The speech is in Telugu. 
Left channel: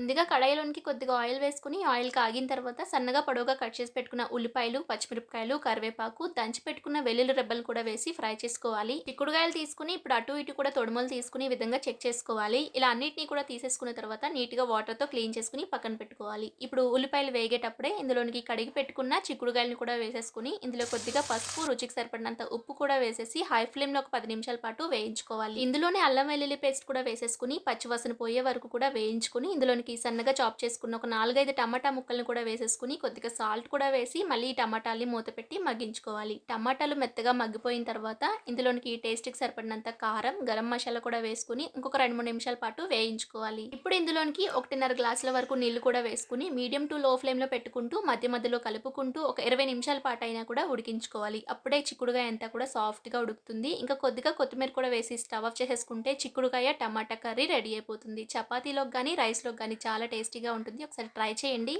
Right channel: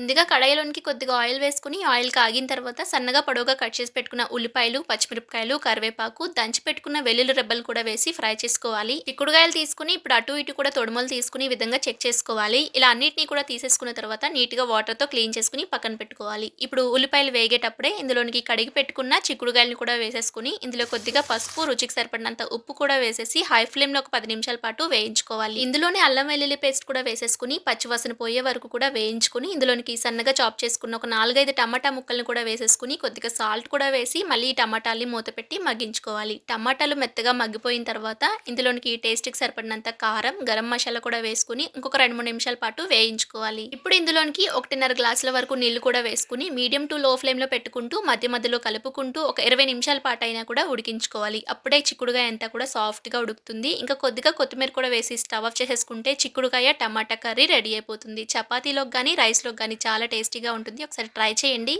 ముందుగా కడాయిలోనికి కొద్దిగా ఆయిల్ వేసుకొని, ఆయిల్ కాగిన తర్వాత సన్నగా పొడవుగా కట్ చేసి పెట్టుకున్న ఉల్లిపాయలు, పచ్చిమిరపకాయలు, కరివేపాకు, దంచి పెట్టుకున్న వెల్లుల్లి రెబ్బలు కూడా వేసి ఫ్రై చేసుకోవాలి. చిక్కుడుగాయలు తీసుకొని ఇప్పుడు అటు ఇటు కూడా తొడుములు తీసుకొని ఈ విధంగా చెక్ చేసుకోవాలి. ఇలా అన్నిటిని కూడా తీసేసుకున్న తర్వాత నీట్‌గా వాటర్‌తో క్లీన్ చేసుకొని పక్కన పెట్టుకోవాలి. ఇప్పుడు ఉల్లిపాయలు వేగేటప్పుడే ఇందులోనికి కడిగి పెట్టుకున్న చిక్కుడుగాయలను కూడా వేసేసుకొని, ఇందులో కొద్దిగా పసుపు, రుచికి సరిపడినంత ఉప్పు కూడా వేసేసి హై ఫ్లేమ్‌లో ఒక 10 నిమిషాల పాటు వేయించుకోవాలి. ఇందులోనే అల్లం వెల్లుల్లి పేస్ట్ కూడా వేసేసుకొని పచ్చివాసన పోయే వరకు కూడా వేయించుకొని ఇందులోనికి సన్నగా చాప్ చేసుకున్న ఒక 4, 5 టమాటా ముక్కల్ని కూడా వేసేసుకొని కొద్దిగా సాల్ట్ కూడా వేసి మళ్ళీ ఈ టమాటాల్ని మూత పెట్టి మగ్గించుకోవాలి. టమాటాలు మెత్తగా మగ్గిపోయిన తర్వాత ఇందులోనికి టేస్ట్‌కి సరిపడినంత కారం, గరం మసాలా కూడా వేసుకొని ఇంకొక 2, 3 నిమిషాల పాటు వేయించుకోవాలి. ఇప్పుడు ఇందులోనికి 1:30 గ్లాసుల వరకు నీళ్లు కూడా వేసుకొని మీడియం టు లో ఫ్లేమ్‌లో పెట్టుకుంటూ మధ్య మధ్యలో కలుపుకుంటూ ఒక 20 నిమిషాల పాటైనా కూడా ఉడికించుకోవాలి. అప్పుడే చిక్కుడుగాయ అంతా కూడా సాఫ్ట్‌గా ఉడుకుతుంది. ఇంకా కొద్దిగా కొత్తిమీర కూడా వేసి స్టవ్ ఆఫ్ చేసేసుకుంటే చిక్కుడుకాయ టమాటా కర్రీ రెడీ అయిపోతుంది. చపాతీలోకి గాని, రైస్‌లోకి గాని చాలా టేస్టీగా ఉంటుంది. ఒకసారి ట్రై చేయండి.